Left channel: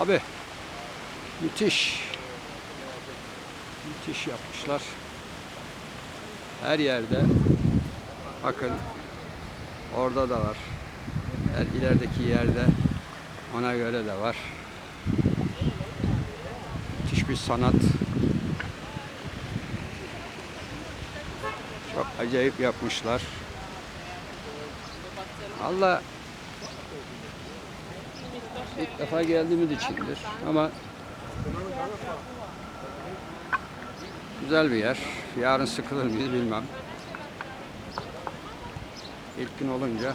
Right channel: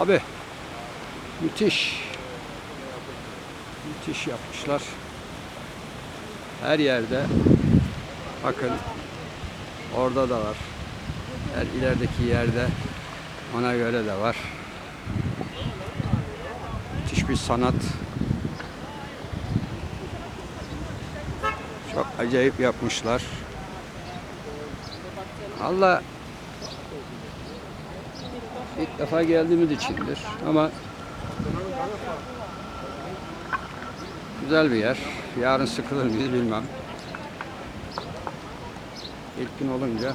Abi müthiş. Müthiş yapmışlar. Her yerde bakın orada da var. Her ilerideki yerde ona göre de var. Müthiş bir sanat. Çok acayip yapmışlar. Allah ilk defa geldiğimiz içindir ama güzel bir yer. Yarın sıkılır mıyız bilmem. İlk gün olunca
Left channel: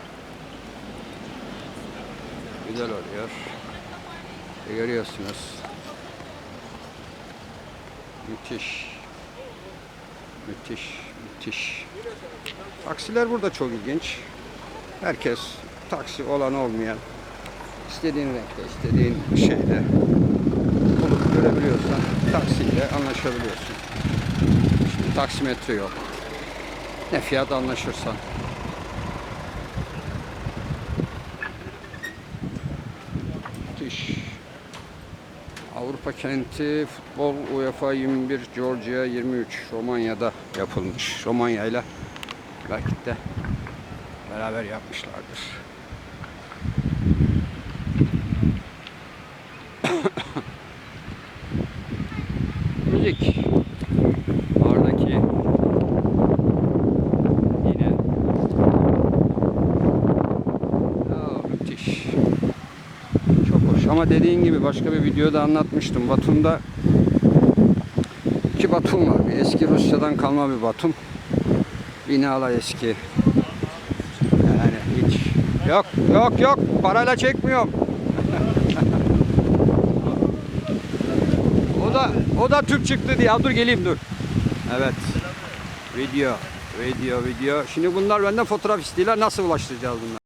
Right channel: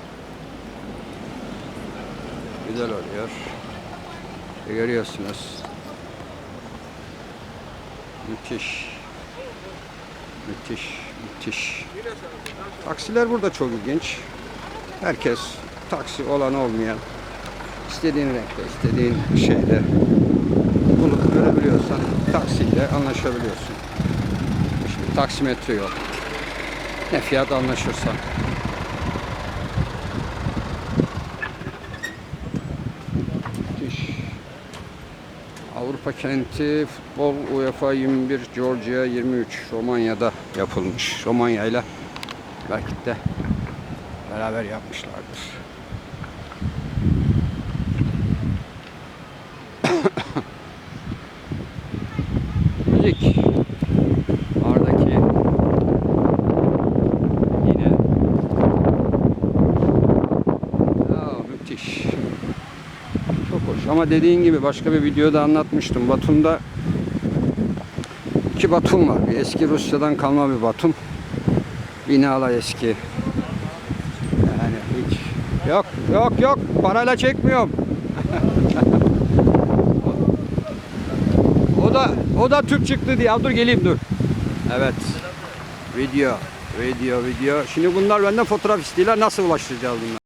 güzel oluyor. E, görüyorsunuz. Müthiş. Müthiş, müthiş. Taksiler burada çok ilginç. Herkes taksi olan olmayan istediğin renkte, istediğin şeyde bulup görebiliyorsan taksiyle anlaşabiliyorsun. İşte taksimetre yok. Ne fiyat anlaşırsan. Müthiş. Avrupa kenti futbol UEFA 21 Georgia 23 Romanya'da yapılmış. Romanya ile belki de beraber yapmışlardır. Müzik. Oradaki yine Aa, müthiş. Çok hoş ama dediğin gibi başka bir videoda anlatmıştım. Batum'da iki Batum var. Bir eski Rusya'dan kalma bir Batum. Binalar eski. Yani hiç. Yok yok yok parayla çekmiyorum. o da o da Türk çıktı diye. Dur geleyim dur. Evet. Video, video, video. Şimdi bunlar benden fotoğraf istiyorlar. Nasıl ulaştıracağız bunları?